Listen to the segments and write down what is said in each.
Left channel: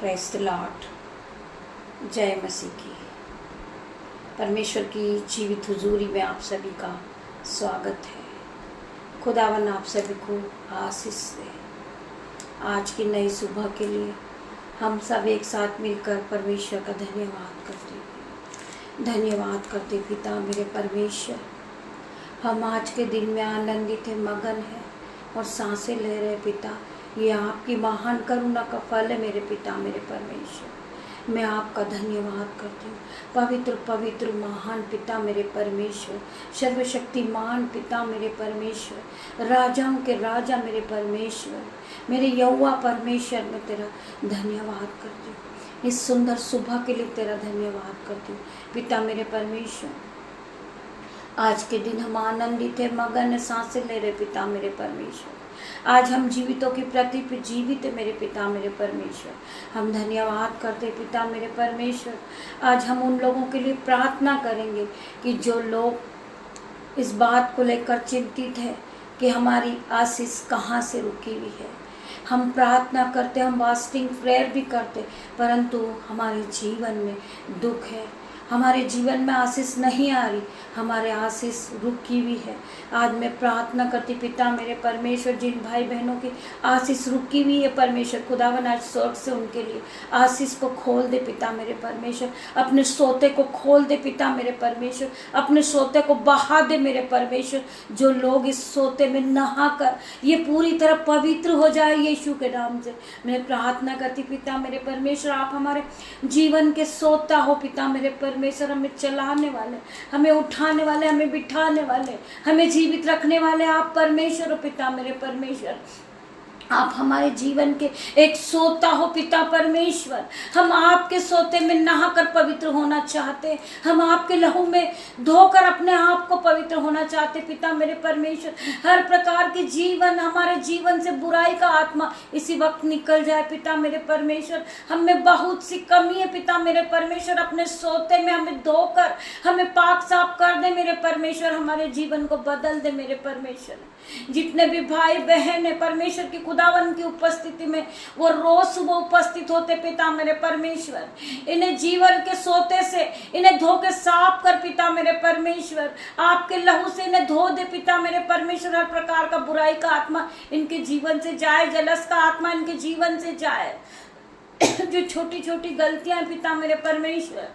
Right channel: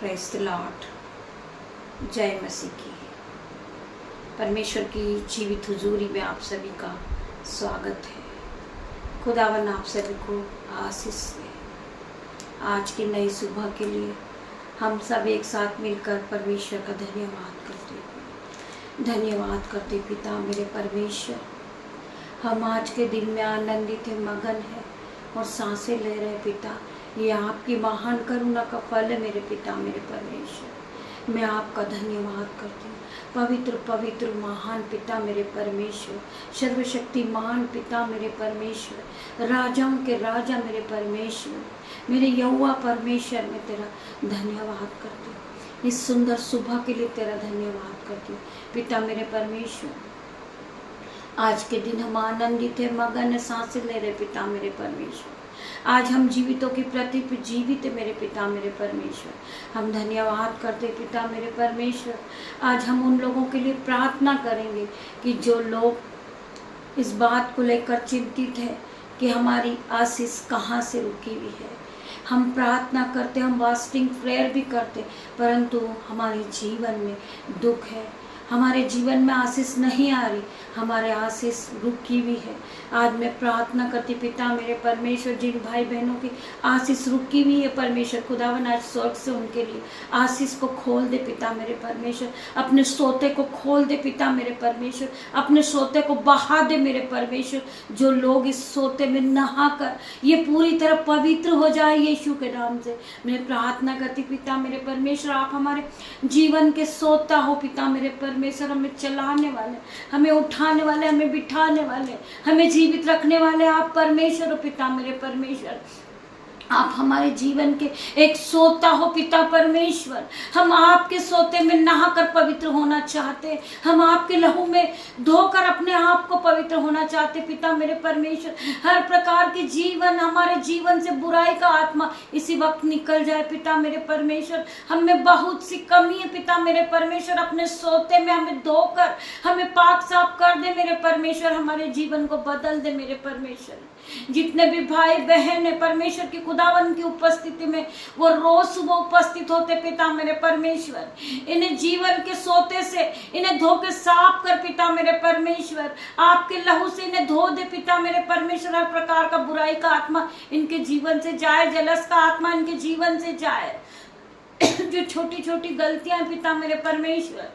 Praise the Lord. जय मसीह की। परमेश्वर की जीवित हुजूरी में आप सभी का स्वागत है। खुदावन आप सभी को आशीष दे। आज की नई सुबह के लिए हम सब एक साथ मिलकर परमेश्वर का धन्यवाद करते पिता मेरे परमेश्वर। हम आज के दिन में आनंदित है, मगन है और सांसें ले रहे पिता। ये आपकी महान करुणा का फल है मेरे पिता मेरे परमेश्वर। मैं आपका धन्यवाद करती हूँ। पवित्र पवित्र महान पिता मेरे परमेश्वर, सर्वशक्तिमान पिता मेरे परमेश्वर, राजाओं के राजा मेरे परमेश्वर, मेरे यहोवा परमेश्वर, मैं तेरा धन्यवाद करती हूँ। इस सुंदर सुबह के लिए तेरा धन्यवाद करती हूँ पिता मेरे परमेश्वर। आज के दिन हम आनंदित है, मगन है, सांसें ले रहे पिता मेरे परमेश्वर। आज हम जीवितों की प्रति जीवित है मेरे पिता मेरे परमेश्वर। हम धन्यवाद करते पिता मेरे परमेश्वर। आज हम उन लोगों के लिए प्रार्थना करेंगे कि जो लोग इस बात को लेकर चिंतित है कि हमारी आशीष कहाँ से रुकी हुई है। हम प्रार्थना करते, हम वास्टिंग प्रेयर भी करते, परंतु हमारे जीवन में दुख है, हमारे जीवन में आशीष नहीं आ रही, हमारे आशीष रुकी हुई है। आज मैं प्रार्थना करती पिता मेरे परमेश्वर, जिन भाई बहनों की आशीष रुकी हुई है परमेश्वर, खुदावन आज स्वर्ग से उनके लिए आशीष को खोल दे पिता मेरे परमेश्वर। अपने सोते को खोल दे पिता मेरे परमेश्वर, अपने सोते को बहा दे मेरे परमेश्वर। जो लोग इस सोते में नहा कर ये पूरी तरह पवित्र हो जाए यीशु के नाम से मैं प्रार्थना करती पिता मेरे परमेश्वर। आप हमारे जीवन के सोता हो पिता मेरे परमेश्वर। हमें चलाने वाले, हमें उठाने वाले, हमें बिठाने वाले, हमें जीवित रखने वाले आप परमेश्वर हो पिता मेरे परमेश्वर। आप हमारे जीवन के एक सोता हो पिता परमेश्वर। हम आपके सोते में नहाकर पवित्र होना चाहते, हम आपके लहू में धोकर अपने आप को पवित्र होना चाहते पिता मेरे परमेश्वर। हर प्रकार के जीवन, हमारे जीवन से बुराई का आत्मा इसी वक्त निकल जाए पिता मेरे परमेश्वर। हमें बहुत सी कमी है पिता मेरे परमेश्वर। अपने सोते में हमें धोकर हमें पाक साफ कर दे मेरे परमेश्वर। हमारे जीवन को बदल दे मेरे परमेश्वर। जितने भी भाई बहन है परमेश्वर की खुदावन की उपस्थिति में वो रोज सुबह उपस्थित होते पिता मेरे परमेश्वर। इन्हें जीवन के सोते से इन्हें धो के साफ कर पिता मेरे परमेश्वर। आपके लहू से इन्हें धो दे पिता मेरे परमेश्वर। हर प्रकार का बुराई का आत्मा इनके जीवन से जाए, जलस का आत्मा इनके जीवन से जाए। जो छोटी छोटी गलतियां पिता मेरे परमेश्वर,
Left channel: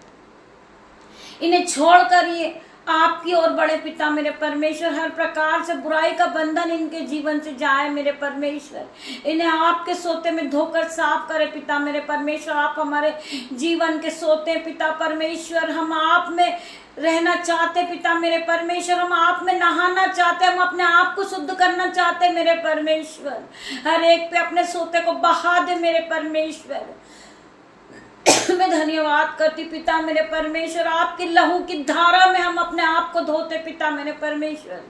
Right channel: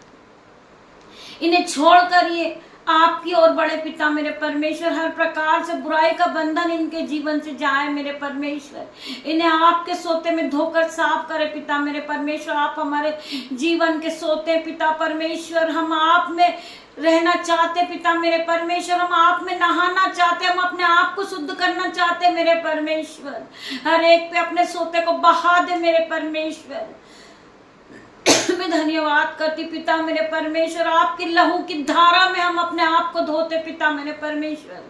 इन्हें छोड़कर ये आपकी ओर बड़े पिता मेरे परमेश्वर। हर प्रकार से बुराई का बंधन इनके जीवन से जाए मेरे परमेश्वर। इन्हें आपके सोते में धोकर साफ करे पिता मेरे परमेश्वर। आप हमारे जीवन के सोते पिता परमेश्वर। हम आप में रहना चाहते पिता मेरे परमेश्वर। हम आप में नहाना चाहते, हम अपने आप को शुद्ध करना चाहते मेरे परमेश्वर। हर एक पे अपने सोते को बहा दे मेरे परमेश्वर। मैं धन्यवाद करती पिता मेरे परमेश्वर। आपकी लहू की धारा में हम अपने आप को धोते पिता मेरे परमेश्वर।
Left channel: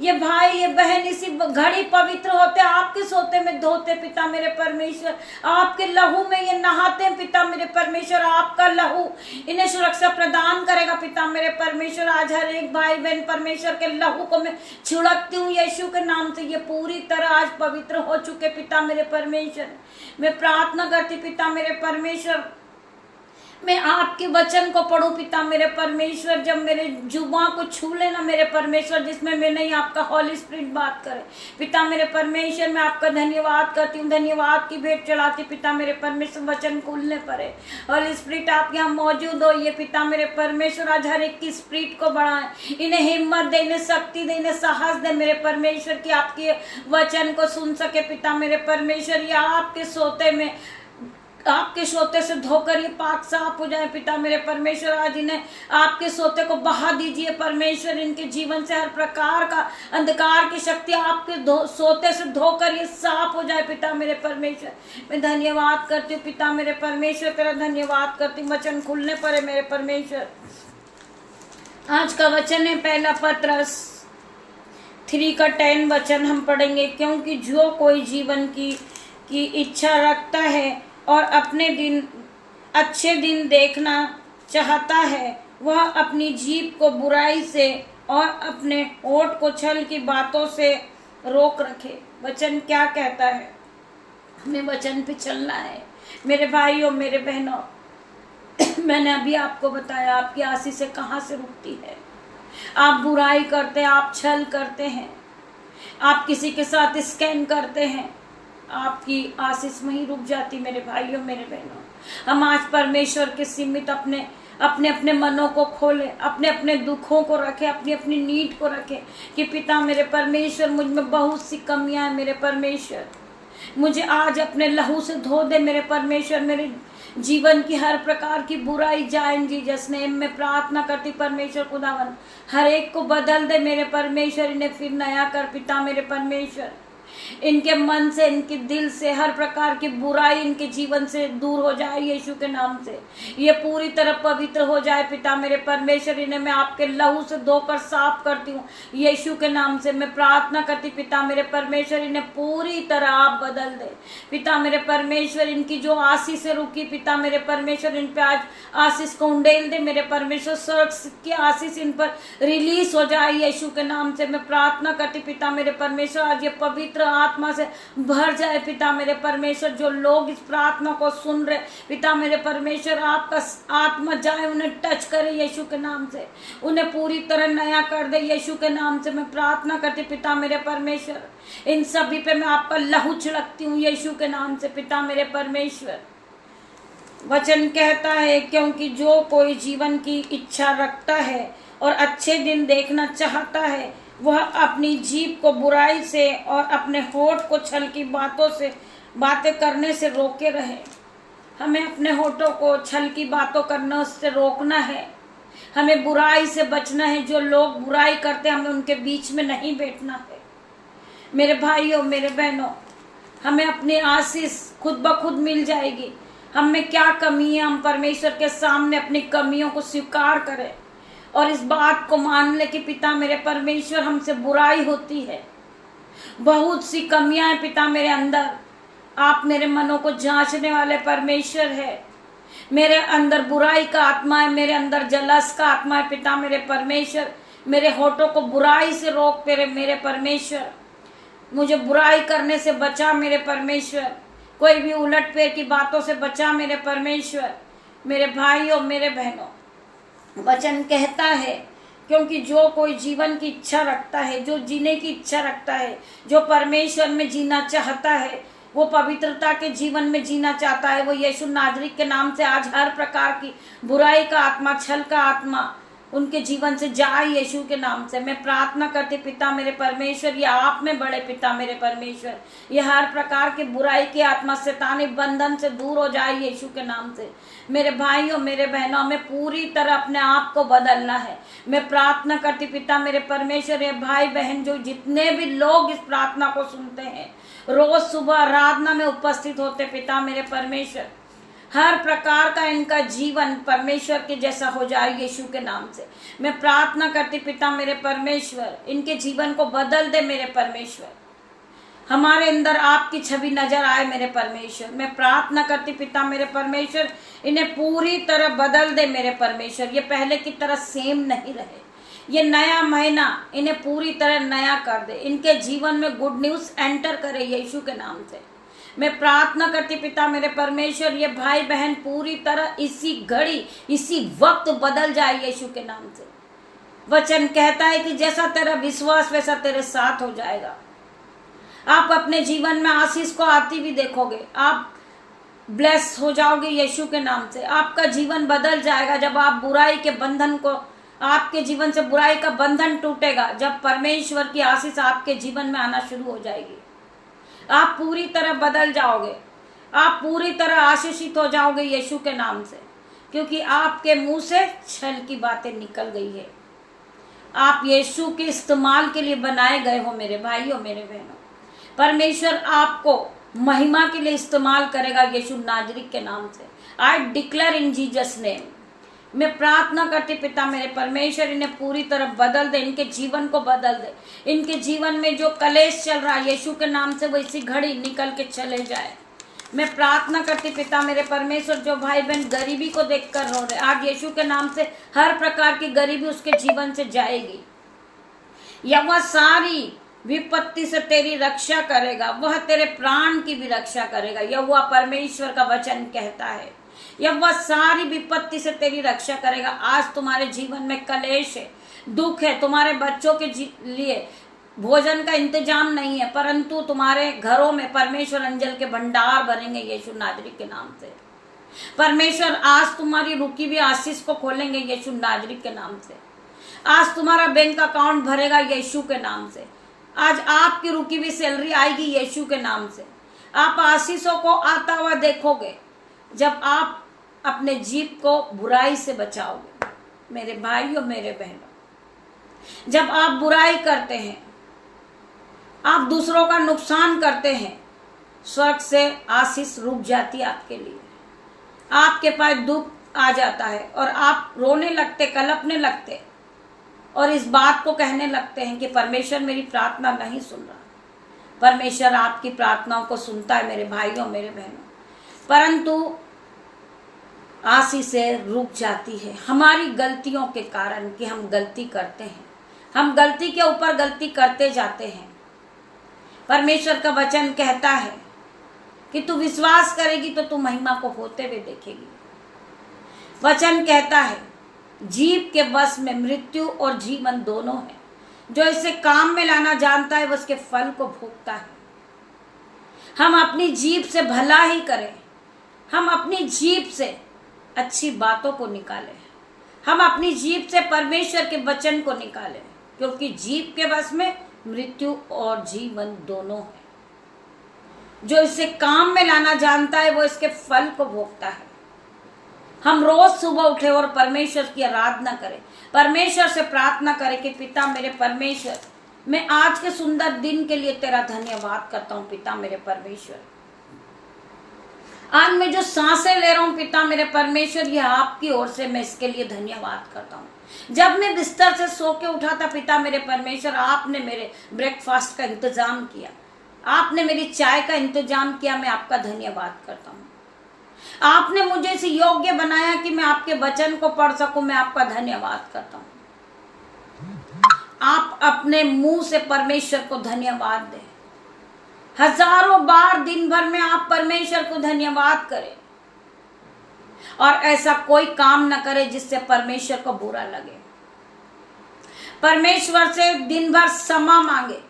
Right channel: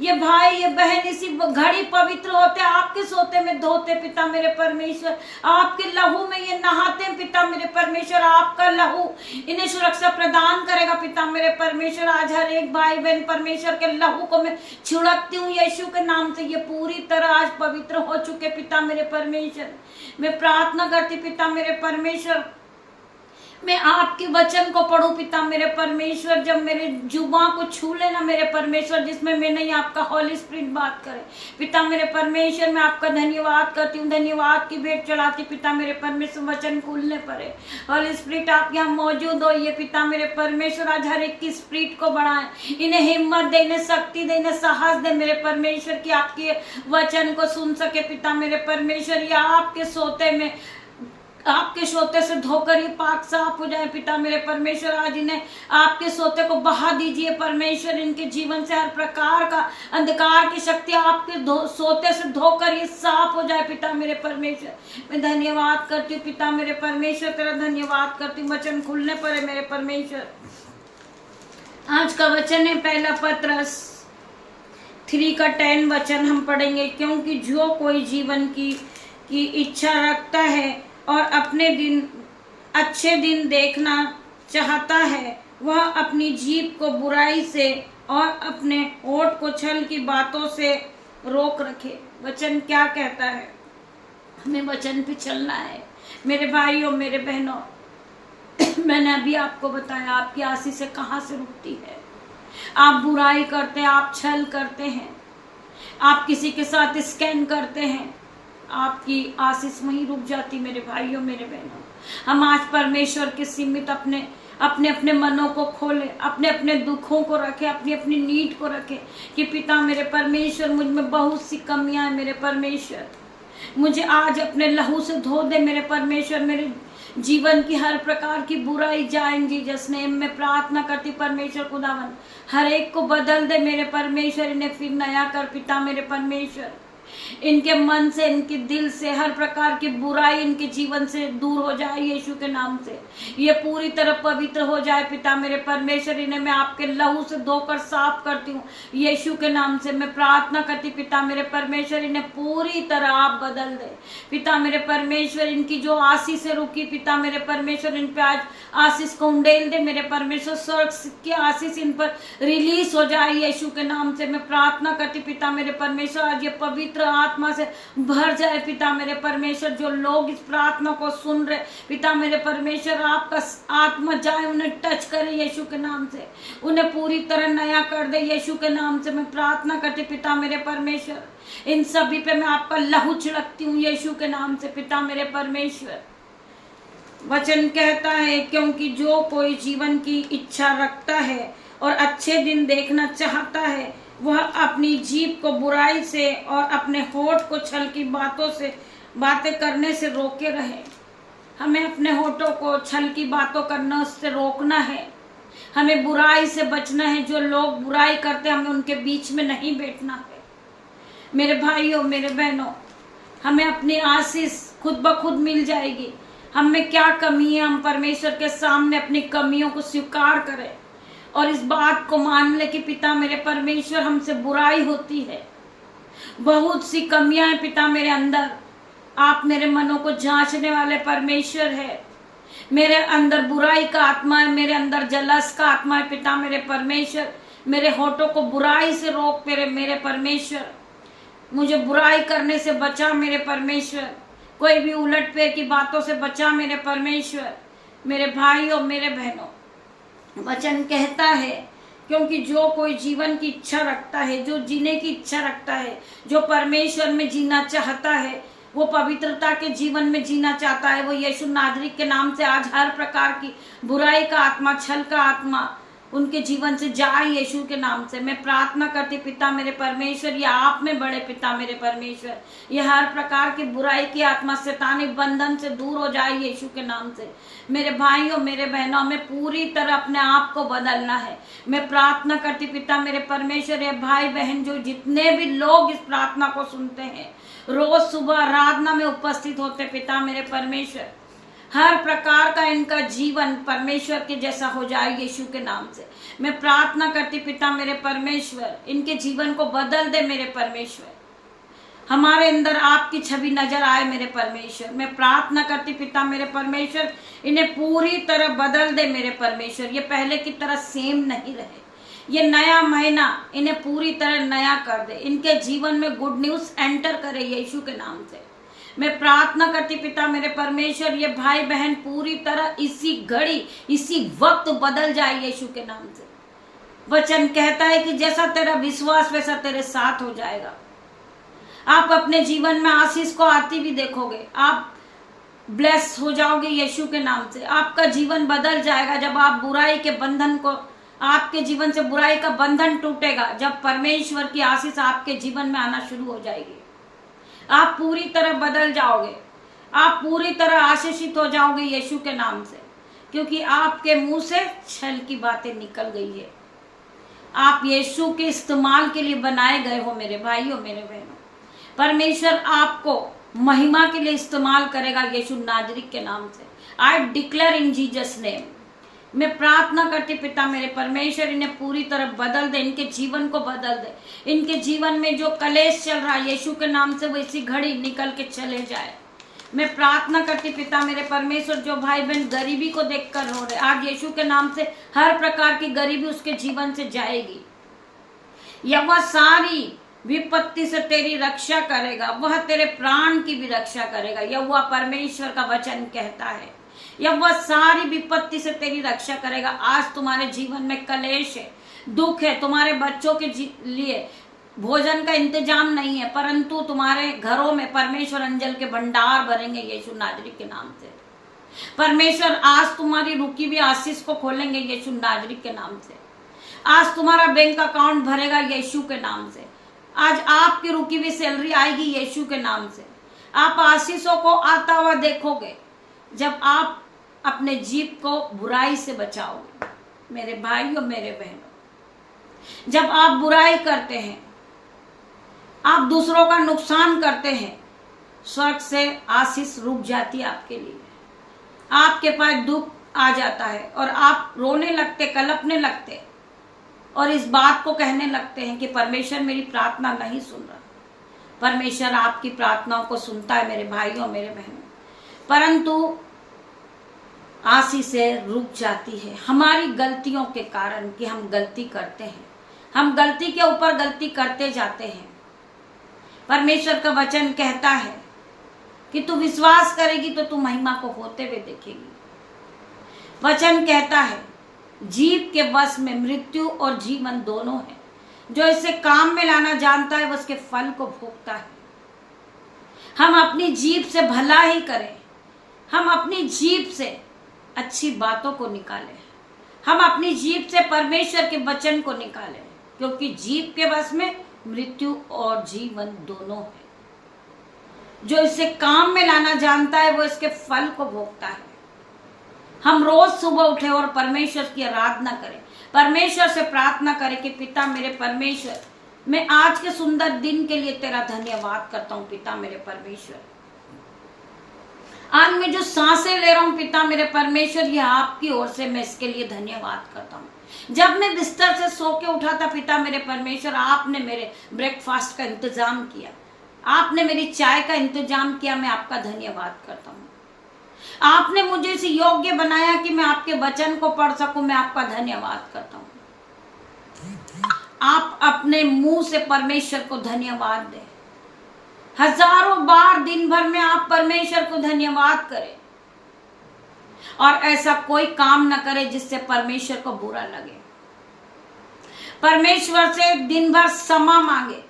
ये भाई ये बहन इसी घड़ी पवित्र होते, आपके सोते में धोते पिता मेरे परमेश्वर। आपके लहू में ये नहाते पिता मेरे परमेश्वर। आपका लहू इन्हें सुरक्षा प्रदान करेगा पिता मेरे परमेश्वर। आज हर एक भाई बहन परमेश्वर के लहू को मैं छिड़कती हूँ यीशु के नाम से। ये पूरी तरह आज पवित्र हो चुके पिता मेरे परमेश्वर। मैं प्रार्थना करती पिता मेरे परमेश्वर, मैं आपके वचन को पढ़ूं पिता मेरे परमेश्वर। जब मेरे जुबान को छू लेना मेरे परमेश्वर, जिसमें मैं नहीं आपका हॉली स्पिरिट बात करे पिता मेरे परमेश्वर। मैं आपका धन्यवाद करती हूँ, धन्यवाद की भेंट चढ़ाती पिता मेरे परमेश्वर। वचन खुलने पर है हॉली स्पिरिट आप यहाँ मौजूद हो ये पिता मेरे परमेश्वर। आज हर एक की स्पिरिट को बढ़ाए, इन्हें हिम्मत दे, इन्हें शक्ति दे, इन्हें साहस दे मेरे परमेश्वर की आपके वचन को सुन सके पिता मेरे परमेश्वर। या आपके सोते में, आपके सोते से धोकर ये पाक साफ हो जाए पिता मेरे परमेश्वर। आज इन्हें आपके सोते को बहा दीजिए परमेश्वर। इनके जीवन से हर प्रकार का अंधकार की शक्ति आपके सोते से धोकर ये साफ हो जाए पिता मेरे परमेश्वर। मैं धन्यवाद करती हूँ पिता मेरे परमेश्वर, तेरा धन्यवाद करती हूँ। वचन खुलने पर है मेरे परमेश्वर। आज का वचन है पहला पत्रस 3:10 वचन हम पढ़ेंगे। क्योंकि जो कोई जीवन की इच्छा रखता है और अपने अच्छे दिन देखना चाहता है, वह अपनी जीभ को बुराई से और अपने होठ को छल की बातों से रोक रखे। वचन क्या कहता है? हमें वचन पे चलना है मेरे भाइयों मेरे बहनों। मैंने अभी आपको बताया आपकी आशीष से कहाँ से रुकती है। आप बुराई करते हैं, आप छल करते हैं, आप किसी के साथ स्कैम करते हैं, आपकी आशीष वहीं रुक जाती मेरे भाइयों मेरे बहनों। हम आज परमेश्वर के सीमित अपने अपने अपने मनों को खोले, अपने अपने दुखों को रखे, अपनी अपनी नीड को रखे कि पिता मेरे परमेश्वर मुझ में बहुत सी कमियां हैं मेरे परमेश्वर, मुझे आज अपने लहू से धो दे मेरे परमेश्वर। मेरे जीवन की हर प्रकार की बुराई जाएंगी जिसने मैं प्रार्थना करती परमेश्वर खुदावन हर एक को बदल दे मेरे परमेश्वर, इन्हें फिर नया कर पिता मेरे परमेश्वर। इनके मन से इनके दिल से हर प्रकार की बुराई इनके जीवन से दूर हो जाए यीशु के नाम से। ये पूरी तरह पवित्र हो जाए पिता मेरे परमेश्वर। इन्हें मैं आपके लहू से धोकर साफ करती हूँ यीशु के नाम से। मैं प्रार्थना करती पिता मेरे परमेश्वर इन्हें पूरी तरह आप बदल दे पिता मेरे परमेश्वर। इनकी जो आशीष से रुकी पिता मेरे परमेश्वर इन पे आज आशीष को उंडेल दे मेरे परमेश्वर। स्वर्ग की आशीष इन पर रिलीज हो जाए यीशु के नाम से। मैं प्रार्थना करती पिता मेरे परमेश्वर आज ये पवित्र आत्मा से भर जाए पिता मेरे परमेश्वर। जो लोग इस प्रार्थना को सुन रहे पिता मेरे परमेश्वर आपका आत्मा जाए उन्हें टच करे यीशु के नाम से, उन्हें पूरी तरह नया कर दे यीशु के नाम से। मैं प्रार्थना करती पिता मेरे परमेश्वर इन सभी पे मैं आपका लहू छिड़कती हूँ यीशु के नाम से पिता मेरे परमेश्वर। वचन कहता है क्योंकि जो कोई जीवन की इच्छा रखता है और अच्छे दिन देखना चाहता है वह अपनी जीभ को बुराई से और अपने होठ को छल की बातें करने से रोके रहे। हमें अपने होठों को छल की बातों करने से रोकना है, हमें बुराई से बचना है। जो लोग बुराई करते हैं हमें उनके बीच में नहीं बैठना है मेरे भाइयों मेरे बहनों। हमें अपनी आशीष खुद ब खुद मिल जाएगी। हम में क्या कमी है हम परमेश्वर के सामने अपनी कमियों को स्वीकार करें और इस बात को मान ले कि पिता मेरे परमेश्वर हमसे बुराई होती है, बहुत सी कमियां हैं पिता मेरे अंदर। आप मेरे मनों को जांचने वाले परमेश्वर है। मेरे अंदर बुराई का आत्मा है, मेरे अंदर जलस का आत्मा है पिता मेरे परमेश्वर। मेरे होठों को बुराई से रोक मेरे परमेश्वर। मुझे बुराई करने से बचा मेरे परमेश्वर। कोई भी उलट फेर की बातों से बचा मेरे परमेश्वर। मेरे भाइयों मेरे बहनों वचन कहता है क्योंकि जो कोई जीवन की इच्छा रखता है, जो जीने की इच्छा रखता है, जो परमेश्वर में जीना चाहता है, वो पवित्रता के जीवन में जीना चाहता है, वो यीशु नाजरी के नाम से आज हर प्रकार की बुराई का आत्मा छल का आत्मा उनके जीवन से जाए यीशु के नाम से। मैं प्रार्थना करती पिता मेरे परमेश्वर ये आप में बड़े पिता मेरे परमेश्वर। ये हर प्रकार की बुराई की आत्मा शैतानी बंधन से दूर हो जाए यीशु के नाम से। मेरे भाइयों मेरे बहनों में पूरी तरह अपने आप को बदलना है। मैं प्रार्थना करती पिता मेरे परमेश्वर ये भाई बहन जो जितने भी लोग इस प्रार्थना को सुनते हैं रोज सुबह आराधना में उपस्थित होते पिता मेरे परमेश्वर, हर प्रकार का इनका जीवन परमेश्वर के जैसा हो जाए यीशु के नाम से। मैं प्रार्थना करती पिता मेरे परमेश्वर इनके जीवन को बदल दे मेरे परमेश्वर। हमारे अंदर आपकी छवि नजर आए मेरे परमेश्वर। मैं प्रार्थना करती पिता मेरे परमेश्वर इन्हें पूरी तरह बदल दे मेरे परमेश्वर। ये पहले की तरह सेम नहीं रहे। ये नया महीना इन्हें पूरी तरह नया कर दे। इनके जीवन में गुड न्यूज एंटर करे यीशु के नाम से। मैं प्रार्थना करती पिता मेरे परमेश्वर ये भाई बहन पूरी तरह इसी घड़ी इसी वक्त बदल जाए यीशु के नाम से। वचन कहता है कि जैसा तेरा विश्वास वैसा तेरे साथ हो जाएगा। आप अपने जीवन में आशीष को आती भी देखोगे। आप ब्लेस हो जाओगे यीशु के नाम से। आपका जीवन बदल जाएगा जब आप बुराई के बंधन को, आपके जीवन से बुराई का बंधन टूटेगा जब परमेश्वर की आशीष आपके जीवन में आना शुरू हो जाएगी। आप पूरी तरह बदल जाओगे, आप पूरी तरह आशीषित हो जाओगे यीशु के नाम से, क्योंकि आपके मुंह से छल की बातें निकल गई है। आप यीशु के इस्तेमाल के लिए बनाए गए हो मेरे भाइयों मेरे बहनों। परमेश्वर आपको महिमा के लिए इस्तेमाल करेगा यीशु नाजरी के नाम से। I declare in Jesus name. मैं प्रार्थना करती पिता मेरे परमेश्वर इन्हें पूरी तरह बदल दे, इनके जीवन को बदल दे। इनके जीवन में जो कलेश चल रहा है यीशु के नाम से वो इसी घड़ी निकल के चले जाए। मैं प्रार्थना करती पिता मेरे परमेश्वर जो भाई बहन गरीबी को देखकर रो रहे आज यीशु के नाम से हर प्रकार की गरीबी उसके जीवन से जाएगी। या वह सारी विपत्ति से तेरी रक्षा करेगा, वह तेरे प्राण की भी रक्षा करेगा। यहोवा परमेश्वर का वचन कहता है यहोवा सारी विपत्ति से तेरी रक्षा करेगा। आज तुम्हारे जीवन में कलेश है, दुख है, तुम्हारे बच्चों के लिए भोजन का इंतजाम नहीं है, परंतु तुम्हारे घरों में परमेश्वर अंजल के भंडार भरेंगे यीशु नाजरी के नाम से। परमेश्वर आज तुम्हारी रुकी हुई आशीष को खोलेंगे यीशु नाजरी के नाम से। आज तुम्हारा बैंक अकाउंट भरेगा यीशु के नाम से। आज आपकी रुकी हुई सैलरी आएगी यीशु के नाम से। आप आशीषों को आता हुआ देखोगे जब आप अपने जीभ को बुराई से बचाओगे। मेरे भाई और मेरे बहनों, जब आप बुराई करते हैं, आप दूसरों का नुकसान करते हैं, स्वर्ग से आशीष रुक जाती है आपके लिए। आपके पास दुख आ जाता है और आप रोने लगते, कलपने लगते और इस बात को कहने लगते हैं कि परमेश्वर मेरी प्रार्थना नहीं सुन रहा। परमेश्वर आपकी प्रार्थनाओं को सुनता है मेरे भाइयों मेरे बहनों, परंतु आशीषें रुक जाती है हमारी गलतियों के कारण कि हम गलती करते हैं, हम गलती के ऊपर गलती करते जाते हैं। परमेश्वर का वचन कहता है कि तू विश्वास करेगी तो तू महिमा को होते हुए देखेगी। वचन कहता है जीभ के वश में मृत्यु और जीवन दोनों है, जो इसे काम में लाना जानता है वह उसके फल को भोगता है। हम अपनी जीभ से भला ही करें, हम अपनी जीभ से अच्छी बातों को निकालें, हम अपनी जीभ से परमेश्वर के वचन को निकालें, क्योंकि जीभ के वश में मृत्यु और जीवन दोनों है। जो इसे काम में लाना जानता है वो इसके फल को भोगता है। हम रोज सुबह उठे और परमेश्वर की आराधना करें, परमेश्वर से प्रार्थना करें कि पिता मेरे परमेश्वर, मैं आज के सुंदर दिन के लिए तेरा धन्यवाद करता हूं। पिता मेरे परमेश्वर, आज मैं जो सांसें ले रहा हूं पिता मेरे परमेश्वर, यह आपकी ओर से मैं इसके लिए धन्यवाद करता हूं। जब मैं बिस्तर से सो के उठा था पिता मेरे परमेश्वर, आपने मेरे ब्रेकफास्ट का इंतजाम किया, आपने मेरी चाय का इंतजाम किया, मैं आपका धन्यवाद करता हूं। आपने मुझे इस योग्य बनाया कि मैं आपके वचन को पढ़ सकूं, मैं आपका धन्यवाद करता हूं। आप अपने मुंह से परमेश्वर को धन्यवाद दें, हजारों बार दिन भर में आप परमेश्वर को धन्यवाद करें और ऐसा कोई काम न करे जिससे परमेश्वर को बुरा लगे। परमेश्वर से दिन भर क्षमा मांगे,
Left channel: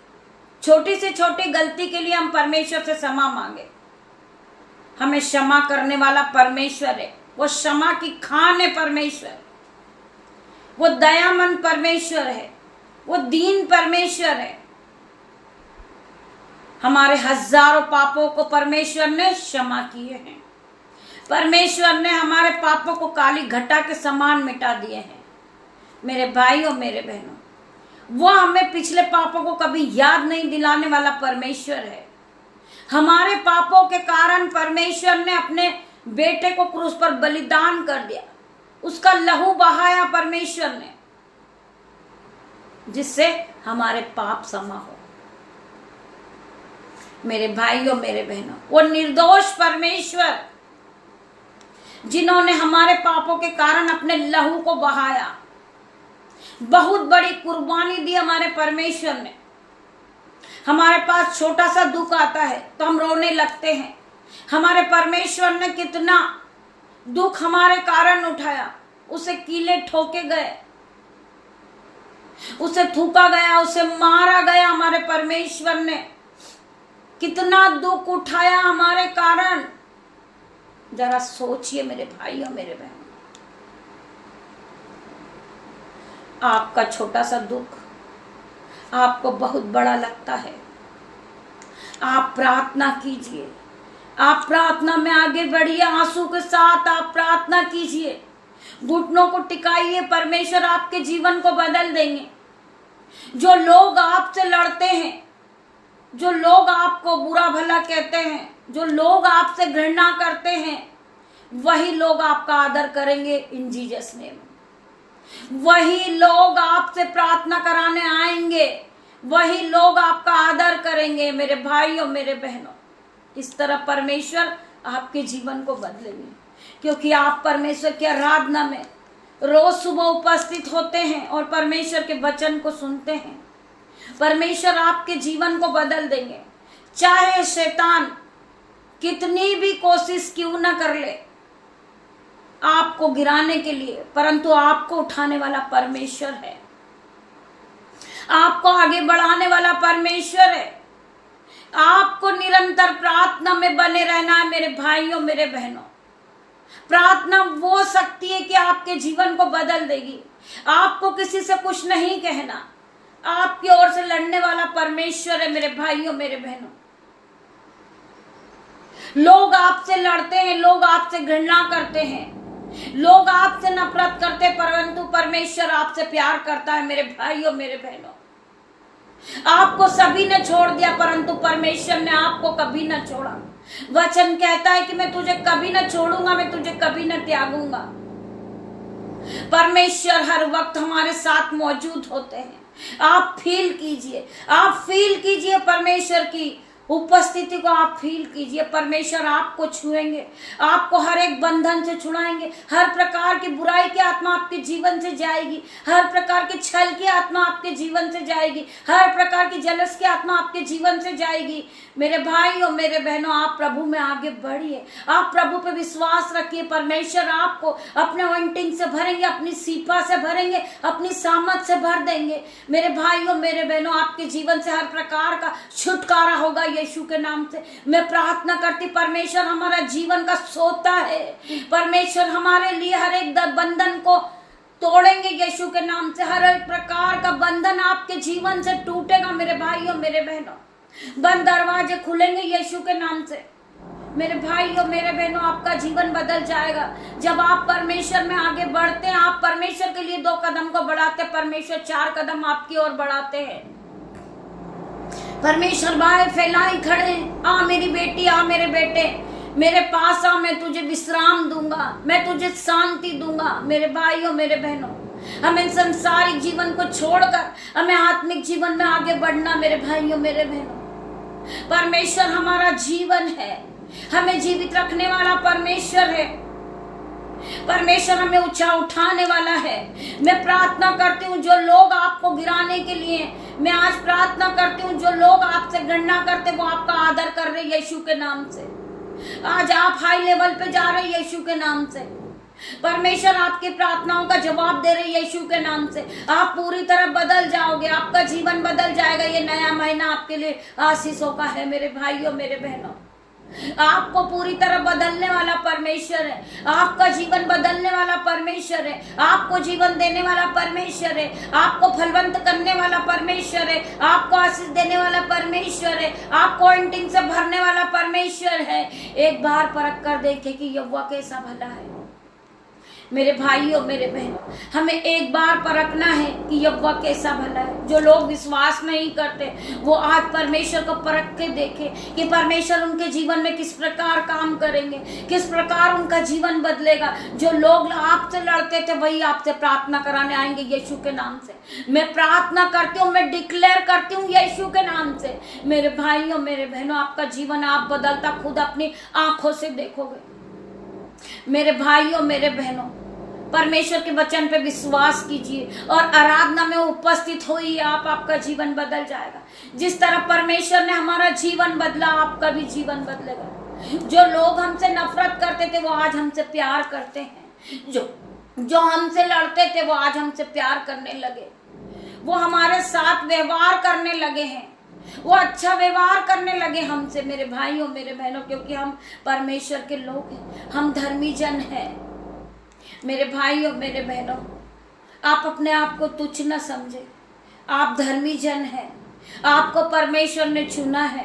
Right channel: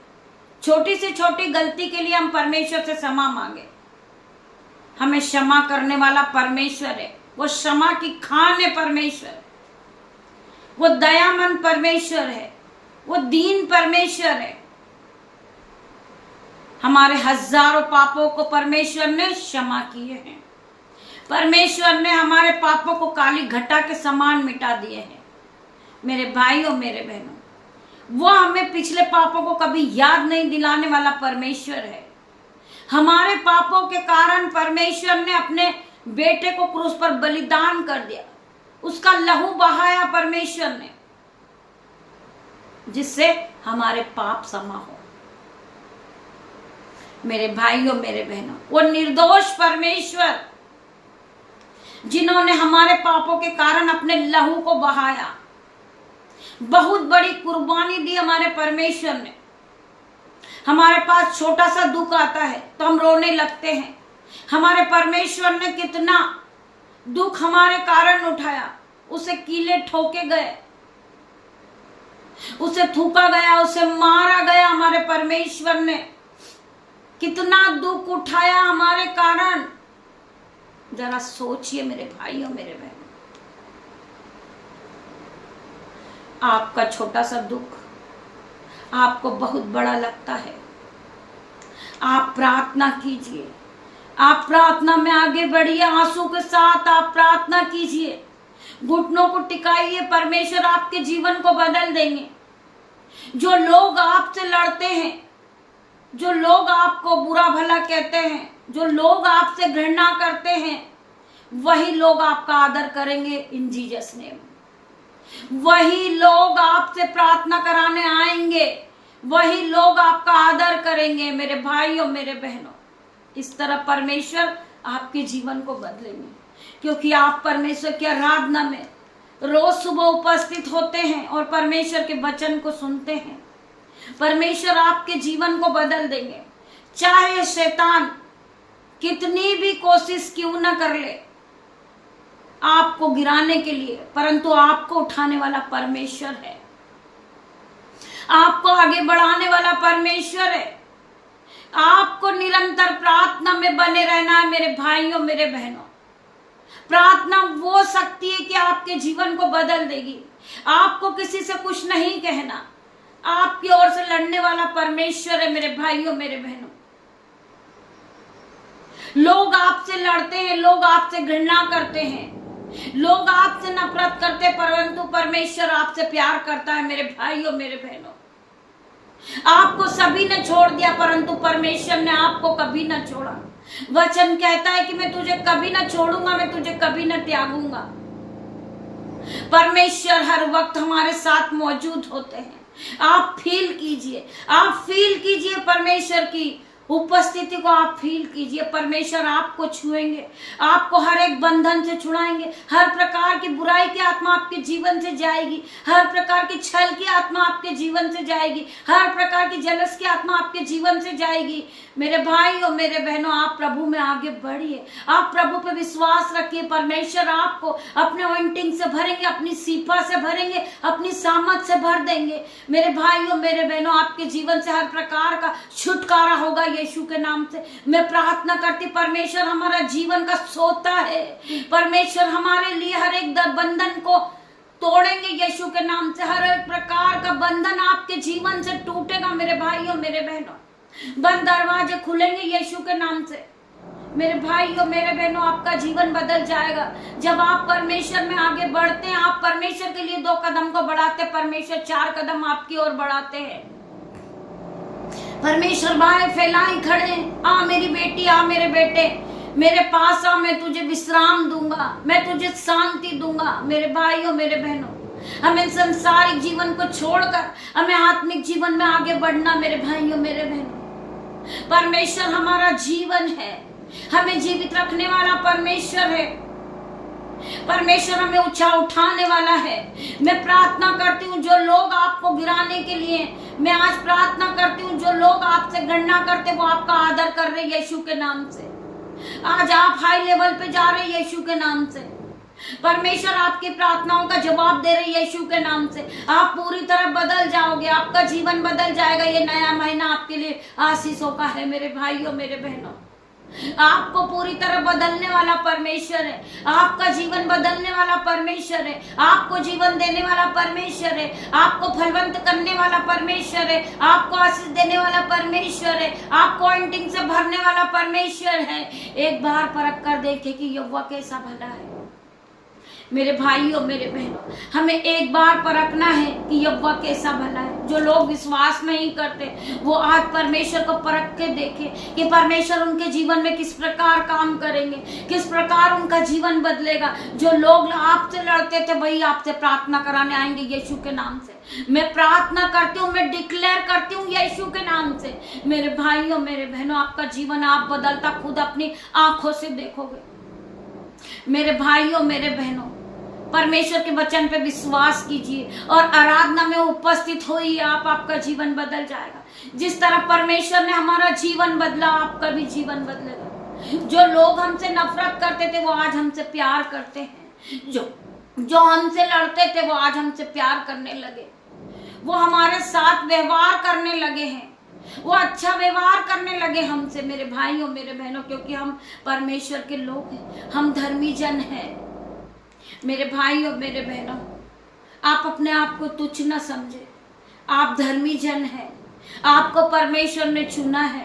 छोटी से छोटी गलती के लिए हम परमेश्वर से क्षमा मांगे। हमें क्षमा करने वाला परमेश्वर है, वो क्षमा की खान है परमेश्वर, वो दयामंद परमेश्वर है, वो दीन परमेश्वर है। हमारे हजारों पापों को परमेश्वर ने क्षमा किए हैं। परमेश्वर ने हमारे पापों को काली घटा के समान मिटा दिए हैं। मेरे भाइयों मेरे बहनों, वो हमें पिछले पापों को कभी याद नहीं दिलाने वाला परमेश्वर है। हमारे पापों के कारण परमेश्वर ने अपने बेटे को क्रूस पर बलिदान कर दिया, उसका लहू बहाया परमेश्वर ने, जिससे हमारे पाप क्षमा हो। मेरे भाइयों मेरे बहनों, वो निर्दोष परमेश्वर जिन्होंने हमारे पापों के कारण अपने लहू को बहाया, बहुत बड़ी कुर्बानी दी हमारे परमेश्वर ने। हमारे पास छोटा सा दुख आता है तो हम रोने लगते हैं। हमारे परमेश्वर ने कितना दुख हमारे कारण उठाया, उसे कीले ठोके गए, उसे थूका गया, उसे मारा गया। हमारे परमेश्वर ने कितना दुख उठाया हमारे कारण। जरा सोचिए मेरे भाइयों मेरे बहनों, आपका छोटा सा दुख आपको बहुत बड़ा लगता है। आप प्रार्थना कीजिए, आप प्रार्थना में आगे बढ़िए, आंसू के साथ आप प्रार्थना कीजिए, घुटनों को टिकाइए, परमेश्वर आपके जीवन को बदल देंगे। जो लोग आपसे लड़ते हैं, जो लोग आपको बुरा भला कहते हैं, जो लोग आपसे घृणा करते हैं, वही लोग आपका आदर करेंगे इन जीसस नेम। वही लोग आपसे प्रार्थना कराने आएंगे, वही लोग आपका आदर करेंगे। मेरे भाइयों मेरे बहनों, इस तरह परमेश्वर आपके जीवन को बदलेंगे, क्योंकि आप परमेश्वर की आराधना में रोज सुबह उपस्थित होते हैं और परमेश्वर के वचन को सुनते हैं। परमेश्वर आपके जीवन को बदल देंगे। चाहे शैतान कितनी भी कोशिश क्यों न कर ले आपको गिराने के लिए, परंतु आपको उठाने वाला परमेश्वर है, आपको आगे बढ़ाने वाला परमेश्वर है। आपको निरंतर प्रार्थना में बने रहना है मेरे भाइयों मेरे बहनों। प्रार्थना वो शक्ति है कि आपके जीवन को बदल देगी। आपको किसी से कुछ नहीं कहना, आपकी ओर से लड़ने वाला परमेश्वर है मेरे भाइयों मेरे बहनों। लोग आपसे लड़ते हैं, लोग आपसे घृणा करते हैं, लोग आपसे नफरत करते हैं, परंतु परमेश्वर आपसे प्यार करता है मेरे भाइयों मेरे बहनों। आपको सभी ने छोड़ दिया, परंतु परमेश्वर ने आपको कभी न छोड़ा। वचन कहता है कि मैं तुझे कभी न छोड़ूंगा, मैं तुझे कभी न त्यागूंगा। परमेश्वर हर वक्त हमारे साथ मौजूद होते हैं। आप फील कीजिए, आप फील कीजिए परमेश्वर की उपस्थिति को, आप फील कीजिए। परमेश्वर आपको छुएंगे, आपको हर एक बंधन से छुड़ाएंगे। हर प्रकार की बुराई की आत्मा आपके जीवन से जाएगी, हर प्रकार की छल की आत्मा आपके जीवन से जाएगी, हर प्रकार की जलस की आत्मा आपके जीवन से जाएगी। मेरे भाइयों मेरे बहनों, आप प्रभु में आगे बढ़िए, आप प्रभु पे विश्वास रखिए। परमेश्वर आपको अपने ऑइंटिंग से भरेंगे, अपनी सीफा से भरेंगे, अपनी सामर्थ से भर देंगे। मेरे भाइयों मेरे बहनों, आपके जीवन से हर प्रकार का छुटकारा होगा यीशु के नाम से। मैं प्रार्थना करती, परमेश्वर हमारा जीवन का सोता है, परमेश्वर हमारे लिए हर एक बंधन को तोड़ेंगे यीशु के नाम से। हर एक प्रकार का बंधन आपके जीवन से टूटेगा मेरे भाइयों मेरे बहनों। बंद दरवाजे खुलेंगे यीशु के नाम से। मेरे भाइयों मेरे बहनों, आपका जीवन बदल जाएगा जब आप परमेश्वर में आगे बढ़ते हैं। आप परमेश्वर के लिए 2 कदम को बढ़ाते, परमेश्वर 4 कदम आपकी ओर बढ़ाते हैं। परमेश्वर बाहें फैलाई खड़े, आ मेरी बेटी, आ मेरे बेटे, मेरे पास आ, मैं तुझे विश्राम दूंगा, मैं तुझे शांति दूंगा। मेरे भाइयों मेरे बहनों, हमें संसारिक जीवन को छोड़कर हमें आत्मिक जीवन में आगे बढ़ना। मेरे भाइयों मेरे बहनों, परमेश्वर हमारा जीवन है, हमें जीवित रखने वाला परमेश्वर है। परमेश्वर हमें ऊंचा उठाने वाला है। मैं प्रार्थना करती हूँ जो लोग आपको गिराने के लिए, मैं आज प्रार्थना करती हूँ जो लोग आपसे घृणा करते वो आपका आदर कर रहे यीशु के नाम से। आज आप हाई लेवल पे जा रहे यीशु के नाम से। परमेश्वर आपकी प्रार्थनाओं का जवाब दे रहे यीशु के नाम से। आप पूरी तरह बदल जाओगे, आपका जीवन बदल जाएगा। ये नया महीना आपके लिए आशीषों का है मेरे भाइयों मेरे बहनों। आपको पूरी तरह बदलने वाला परमेश्वर है, आपका जीवन बदलने वाला परमेश्वर है, आपको जीवन देने वाला परमेश्वर है, आपको फलवंत करने वाला परमेश्वर है, आपको आशीष देने वाला परमेश्वर है, आपको ऑइंटिंग से भरने वाला परमेश्वर है। एक बार परख कर देखे कि यहोवा कैसा भला है। मेरे भाइयों मेरे बहनों, हमें एक बार परखना है कि यहोवा कैसा भला है। जो लोग विश्वास नहीं करते वो आज परमेश्वर को परख के देखें कि परमेश्वर उनके जीवन में किस प्रकार काम करेंगे, किस प्रकार उनका जीवन बदलेगा। जो लोग आपसे लड़ते थे वही आपसे प्रार्थना कराने आएंगे यीशु के नाम से। मैं प्रार्थना करती हूँ, मैं डिक्लेयर करती हूँ यीशु के नाम से। मेरे भाइयों मेरे बहनों, आपका जीवन आप बदलता खुद अपनी आंखों से देखोगे। मेरे भाइयों मेरे बहनों, परमेश्वर के वचन पे विश्वास कीजिए और आराधना में उपस्थित होइए, आपका जीवन बदल जाएगा। जिस तरह परमेश्वर ने हमारा जीवन बदला, आपका भी जीवन बदलेगा। जो लोग हमसे नफरत करते थे वो आज हमसे प्यार करते हैं, जो हमसे लड़ते थे वो आज हमसे प्यार करने लगे, वो हमारे साथ व्यवहार करने लगे हैं, वो अच्छा व्यवहार करने लगे हमसे। मेरे भाइयों मेरे बहनों, क्योंकि हम परमेश्वर के लोग हैं, हम धर्मी जन हैं। मेरे भाइयों मेरे बहनों, आप अपने आप को तुच्छ न समझे, आप धर्मी जन हैं, आपको परमेश्वर ने चुना है,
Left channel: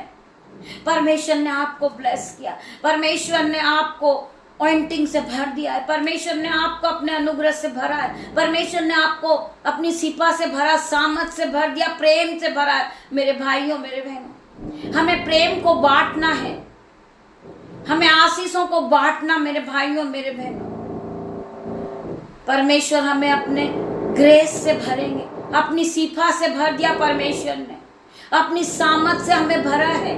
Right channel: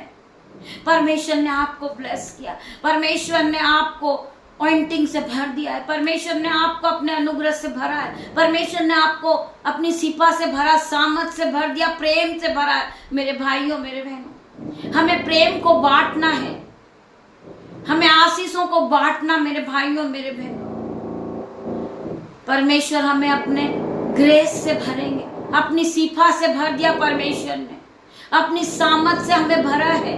परमेश्वर ने आपको ब्लेस किया, परमेश्वर ने आपको ऑइंटिंग से भर दिया है, परमेश्वर ने आपको अपने अनुग्रह से भरा है, परमेश्वर ने आपको अपनी सिपा से भरा, सामर्थ से भर दिया, प्रेम से भरा है। मेरे भाइयों मेरे बहनों, हमें प्रेम को बांटना है, हमें आशीषों को बांटना। मेरे भाइयों मेरे बहनों, परमेश्वर हमें अपने ग्रेस से भरेंगे, अपनी सिफा से भर दिया परमेश्वर ने, अपनी सामर्थ से हमें भरा है।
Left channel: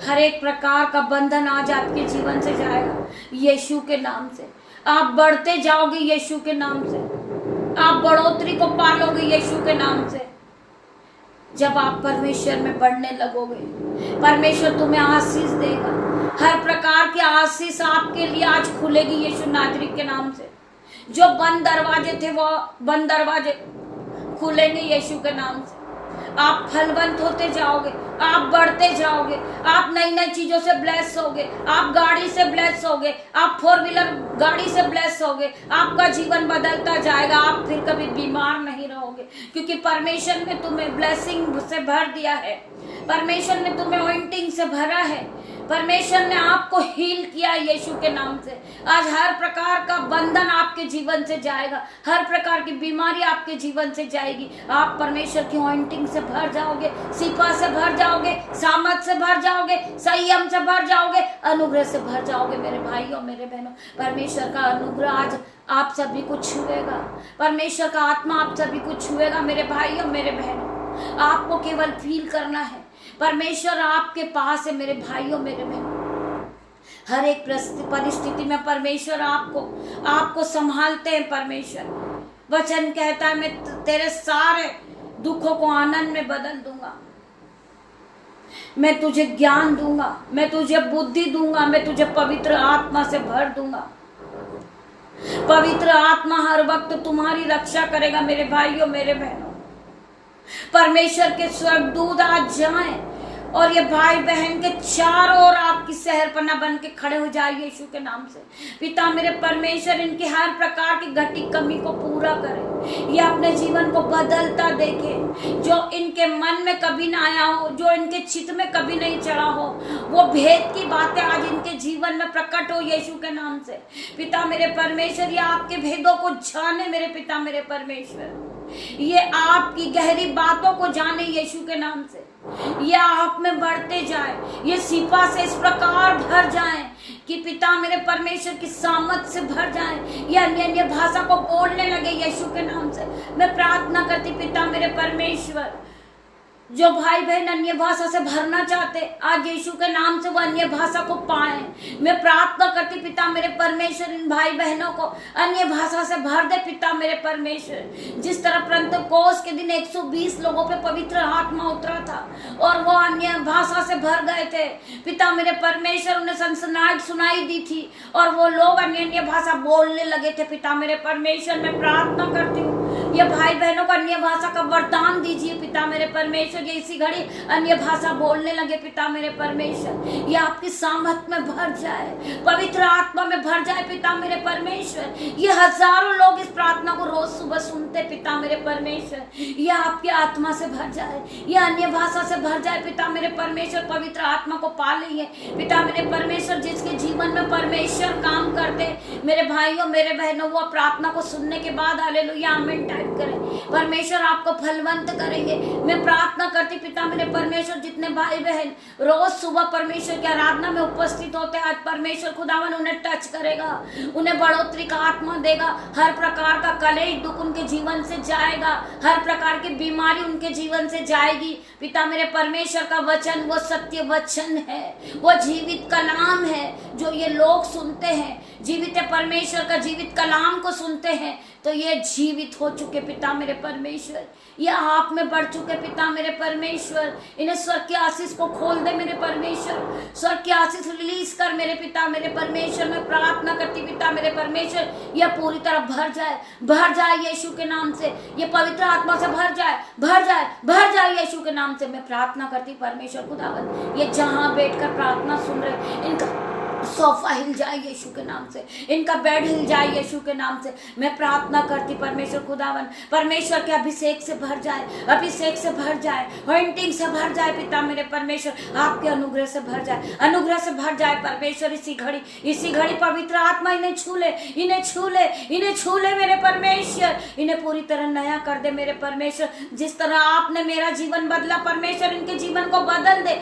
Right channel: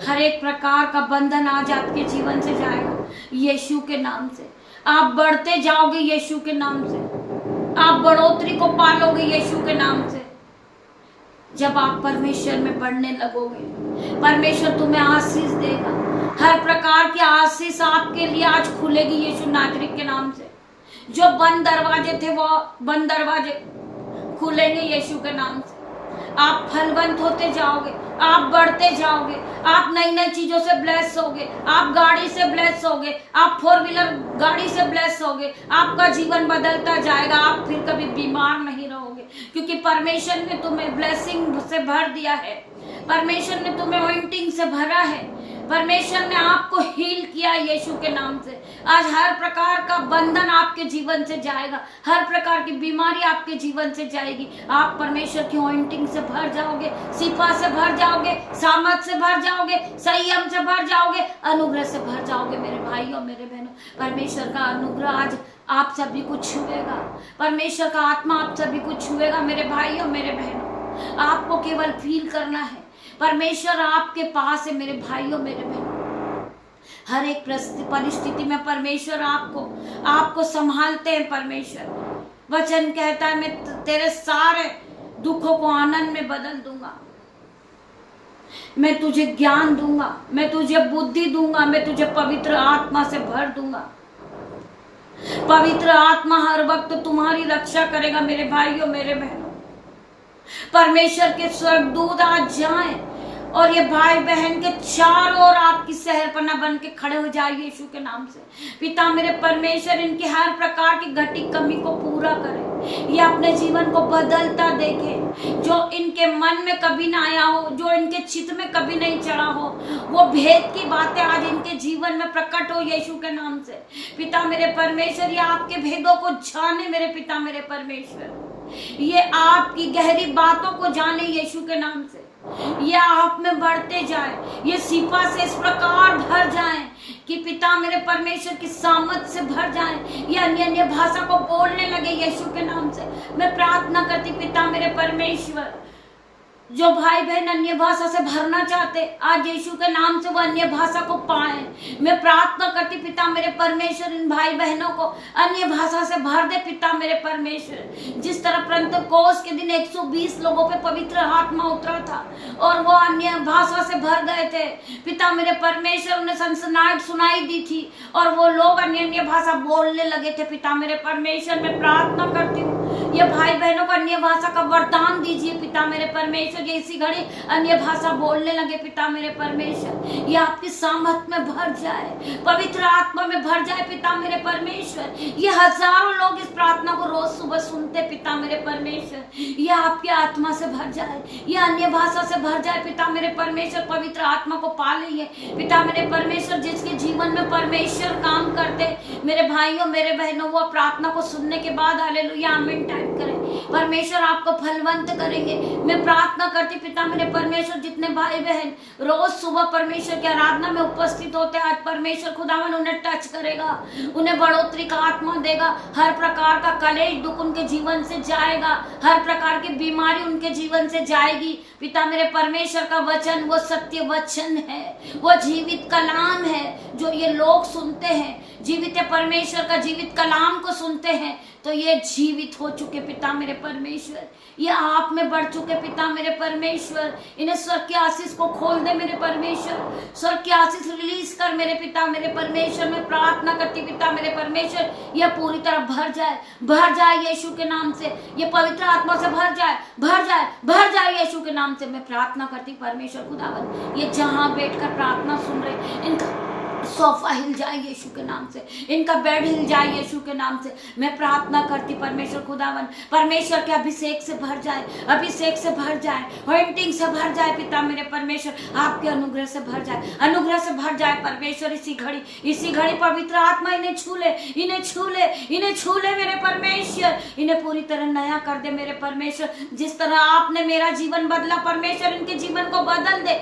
हर एक प्रकार का बंधन आज आपके जीवन से जाएगा यीशु के नाम से। आप बढ़ते जाओगे यीशु के नाम से। आप बढ़ोतरी को पालोगे यीशु के नाम से। जब आप परमेश्वर में बढ़ने लगोगे, परमेश्वर तुम्हें आशीष देगा। हर प्रकार की आशीष आपके लिए आज खुलेगी यीशु नाजरीत के नाम से। जो बंद दरवाजे थे वो बंद दरवाजे खुलेंगे यीशु के नाम से। आप फलवंत होते जाओगे, आप बढ़ते जाओगे, आप नई नई चीजों से ब्लेस होगे, आप गाड़ी से ब्लेस होगे, आप 4 व्हीलर गाड़ी से ब्लेस होगे, आपका जीवन बदलता जाएगा। आप फिर कभी बीमार नहीं रहोगे, क्योंकि परमेश्वर ने तुम्हें ब्लेसिंग से भर दिया है। परमेश्वर ने तुम्हें ऑइंटिंग से भरा है। परमेश्वर ने आपको हील किया यीशु के नाम से। आज हर प्रकार का बंधन आपके जीवन से जाएगा, हर प्रकार की बीमारी आपके जीवन से जाएगी। आप परमेश्वर की ऑइंटिंग से भर जाओगे, सिपा से भर जाओगे, सामर्थ से भर जाओगे, संयम से भर जाओगे, अनुग्रह से भर जाओगे। मेरे भाइयों मेरे बहनों, परमेश्वर का अनुग्रह आज आप सभी को छुएगा। परमेश्वर का आत्मा आप सभी को छुएगा। मेरे भाइयों मेरे बहनों, आपको केवल फील करना है, परमेश्वर आपके पास है। मेरे भाइयों मेरे बहनों, हर एक परिस्थिति में परमेश्वर आपको संभालते हैं। परमेश्वर वचन कहता है, मैं तेरे सारे दुखों को आनंद में बदल दूंगा, मैं तुझे ज्ञान दूंगा, मैं तुझे बुद्धि दूंगा, मैं तुझे पवित्र आत्मा से भर दूंगा। पवित्र आत्मा हर वक्त तुम्हारी रक्षा करेगा। मेरे भाइयों मेरे बहनों, परमेश्वर के स्वर्गदूत आज जाएं और ये भाई बहन के चारों ओर आपकी सहरपना बन के खड़े हो जाए यीशु के नाम से। पिता मेरे परमेश्वर इनकी हर प्रकार की घटी कमी को पूरा करे, ये अपने जीवन को बदलता देखे। जो इनके मन में कभी ना आया हो, जो इनके चित्त में कभी नहीं चढ़ा हो, वो भेद की बातें आज इनके जीवन में प्रकट हो यीशु के नाम से। पिता मेरे परमेश्वर, ये आपके भेदों को जाने मेरे पिता मेरे परमेश्वर, ये आपकी गहरी बातों को जाने यीशु के नाम से। ये आप में बढ़ते जाए, ये सिपा से इस प्रकार भर जाएं कि पिता मेरे परमेश्वर की सामर्थ से भर जाएं, ये अन्य अन्य भाषा को बोलने लगे यीशु के नाम से। मैं प्रार्थना करती पिता मेरे परमेश्वर, जो भाई बहन अन्य भाषा से भरना चाहते, आज यीशु के नाम से वो अन्य भाषा को पाए। मैं प्रार्थना करती पिता मेरे परमेश्वर, इन भाई बहनों को अन्य भाषा से भर दे पिता मेरे परमेश्वर। जिस तरह पेंटेकोस्त के दिन 120 लोगों पे पवित्र आत्मा उतरा था और वो अन्य भाषा से भर गए थे पिता मेरे परमेश्वर, उन्हें सनसनाहट सुनाई दी थी और वो लोग अन्य अन्य भाषा बोलने लगे थे। पिता मेरे परमेश्वर, मैं प्रार्थना करती हूँ ये भाई बहनों को अन्य भाषा का वरदान दीजिए पिता मेरे परमेश्वर। ये इसी घड़ी अन्य भाषा बोलने लगे पिता मेरे परमेश्वर, ये आपकी सामर्थ में भर जाए, पवित्र आत्मा में भर जाए पिता मेरे परमेश्वर। ये हजारों लोग इस प्रार्थना को रोज सुबह सुनते पिता मेरे परमेश्वर, ये आपकी आत्मा से भर जाए, ये अन्य भाषा से भर जाए पिता मेरे परमेश्वर। पवित्र आत्मा को पा लीजिए पिता मेरे परमेश्वर। जिसके जीवन में परमेश्वर काम करते मेरे भाइयों मेरे बहनों, वो प्रार्थना को सुनने के बाद हालेलुया आमीन टाइप करें। परमेश्वर आपको फलवंत करेंगे। मैं प्रार्थना करती पिता मेरे परमेश्वर, जितने भाई बहन रोज सुबह परमेश्वर की आराधना में उपस्थित होते हैं, आज परमेश्वर खुदावन उन्हें टच करेगा, उन्हें बढ़ोतरी का आत्मा देगा। हर प्रकार का कलेश दुख उनके जीवन से जाएगा, हर प्रकार की बीमारी उनके जीवन से जाएगी। पिता मेरे परमेश्वर का वचन वो सत्य वचन है, वो जीवित कलाम है जो ये लोग सुनते हैं। जीवित परमेश्वर का जीवित कलाम को सुनते हैं तो ये जीवित हो चुके पिता मेरे परमेश्वर, ये आप में बढ़ चुके पिता मेरे परमेश्वर। इन्हें स्वर्ग की आशीष को खोल दे मेरे परमेश्वर, स्वर्ग की आशीष रिलीज कर मेरे पिता मेरे परमेश्वर। मैं प्रार्थना करती पिता मेरे परमेश्वर, यह पूरी तरह भर जाए यीशु के नाम से, ये पवित्र आत्मा से भर जाए यीशु के नाम से। मैं प्रार्थना करती परमेश्वर खुदावन, ये जहां बैठकर प्रार्थना सुन रहे, इनका सोफा हिल जाए यीशु के नाम से, इनका बेड हिल जाए यीशु के नाम से। मैं प्रार्थना करती परमेश्वर खुदावन, परमेश्वर के अभिषेक से भर जाए, अभिषेक से भर जाए, ऑइंटिंग से भर जाए पिता मेरे परमेश्वर, आपके अनुग्रह से भर जाए, अनुग्रह से भर जाए परमेश्वर। इसी घड़ी पवित्र आत्मा इन्हें छू ले मेरे परमेश्वर, इन्हें पूरी तरह नया कर दे मेरे परमेश्वर। जिस तरह आपने मेरा जीवन बदला परमेश्वर, इनके जीवन को बदल दे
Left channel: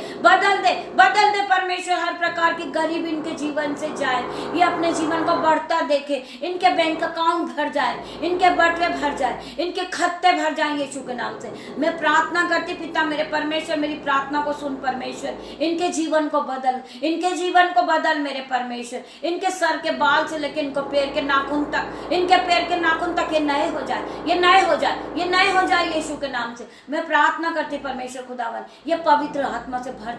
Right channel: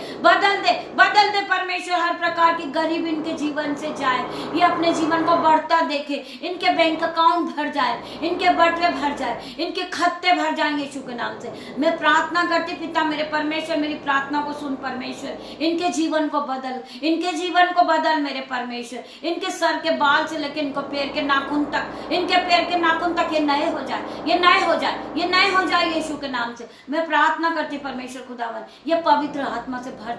परमेश्वर। हर प्रकार की गरीबी इनके जीवन से जाए, ये अपने जीवन को बढ़ता देखे, इनके बैंक अकाउंट भर जाए, इनके बटवे भर जाए, इनके खत्ते भर जाए यीशु के नाम से। मैं प्रार्थना करती पिता मेरे परमेश्वर, मेरी प्रार्थना को सुन परमेश्वर, इनके जीवन को बदल, इनके जीवन को बदल मेरे परमेश्वर, इनके सर के बाल से लेकर इनको पैर के नाखून तक, इनके पैर के नाखून तक ये नए हो जाए, ये नए हो जाए, ये नए हो जाए यीशु के नाम से। मैं प्रार्थना करती परमेश्वर खुदावन, ये पवित्र आत्मा से भर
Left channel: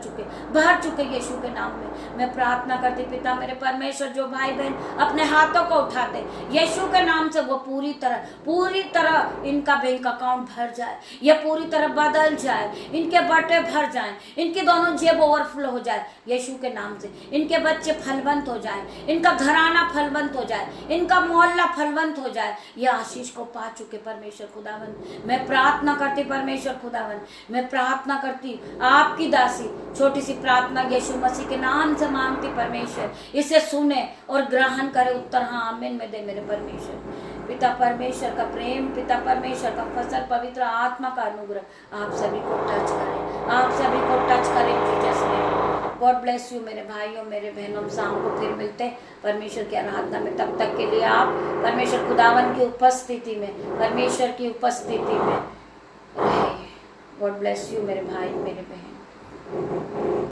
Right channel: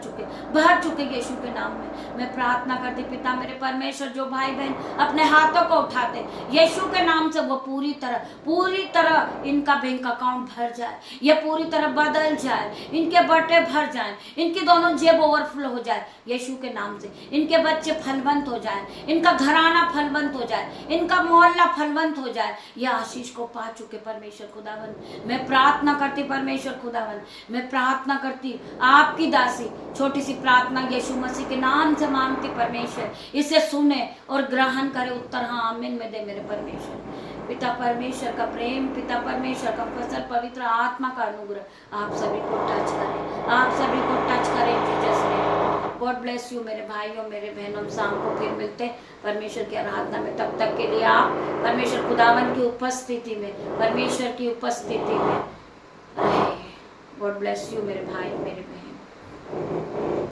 चुके यीशु के नाम में। मैं प्रार्थना करती पिता मेरे परमेश्वर, जो भाई बहन अपने हाथों को उठाते यीशु के नाम से, वो पूरी तरह इनका बैंक अकाउंट भर जाए, ये पूरी तरह बदल जाए, इनके बटे भर जाए, इनकी दोनों जेब ओवरफ्लो हो जाए यीशु के नाम से, इनके बच्चे फलवंत हो जाए, इनका घराना फलवंत हो जाए, इनका मोहल्ला फलवंत हो जाए। ये आशीष को पा चुके परमेश्वर खुदावन। मैं प्रार्थना करती परमेश्वर खुदावन, मैं प्रार्थना करती आपकी दासी, छोटी सी प्रार्थना यीशु मसीह के नाम से मांगती परमेश्वर, इसे सुने और ग्रहण करे, उत्तर हाँ आमीन में दे मेरे परमेश्वर। पिता परमेश्वर का प्रेम, पिता परमेश्वर का फसल, पवित्र आत्मा का अनुग्रह आप सभी को टच करे, आप सभी को टच करे Jesus name. God bless you मेरे भाइयों मेरे बहनों। शाम को फिर मिलते हैं परमेश्वर की आराधना में। तब तक के लिए आप परमेश्वर खुदावन की उपस्थिति में, परमेश्वर की उपस्थिति में रहे। गॉड ब्लेस यू मेरे भाई मेरे बहन।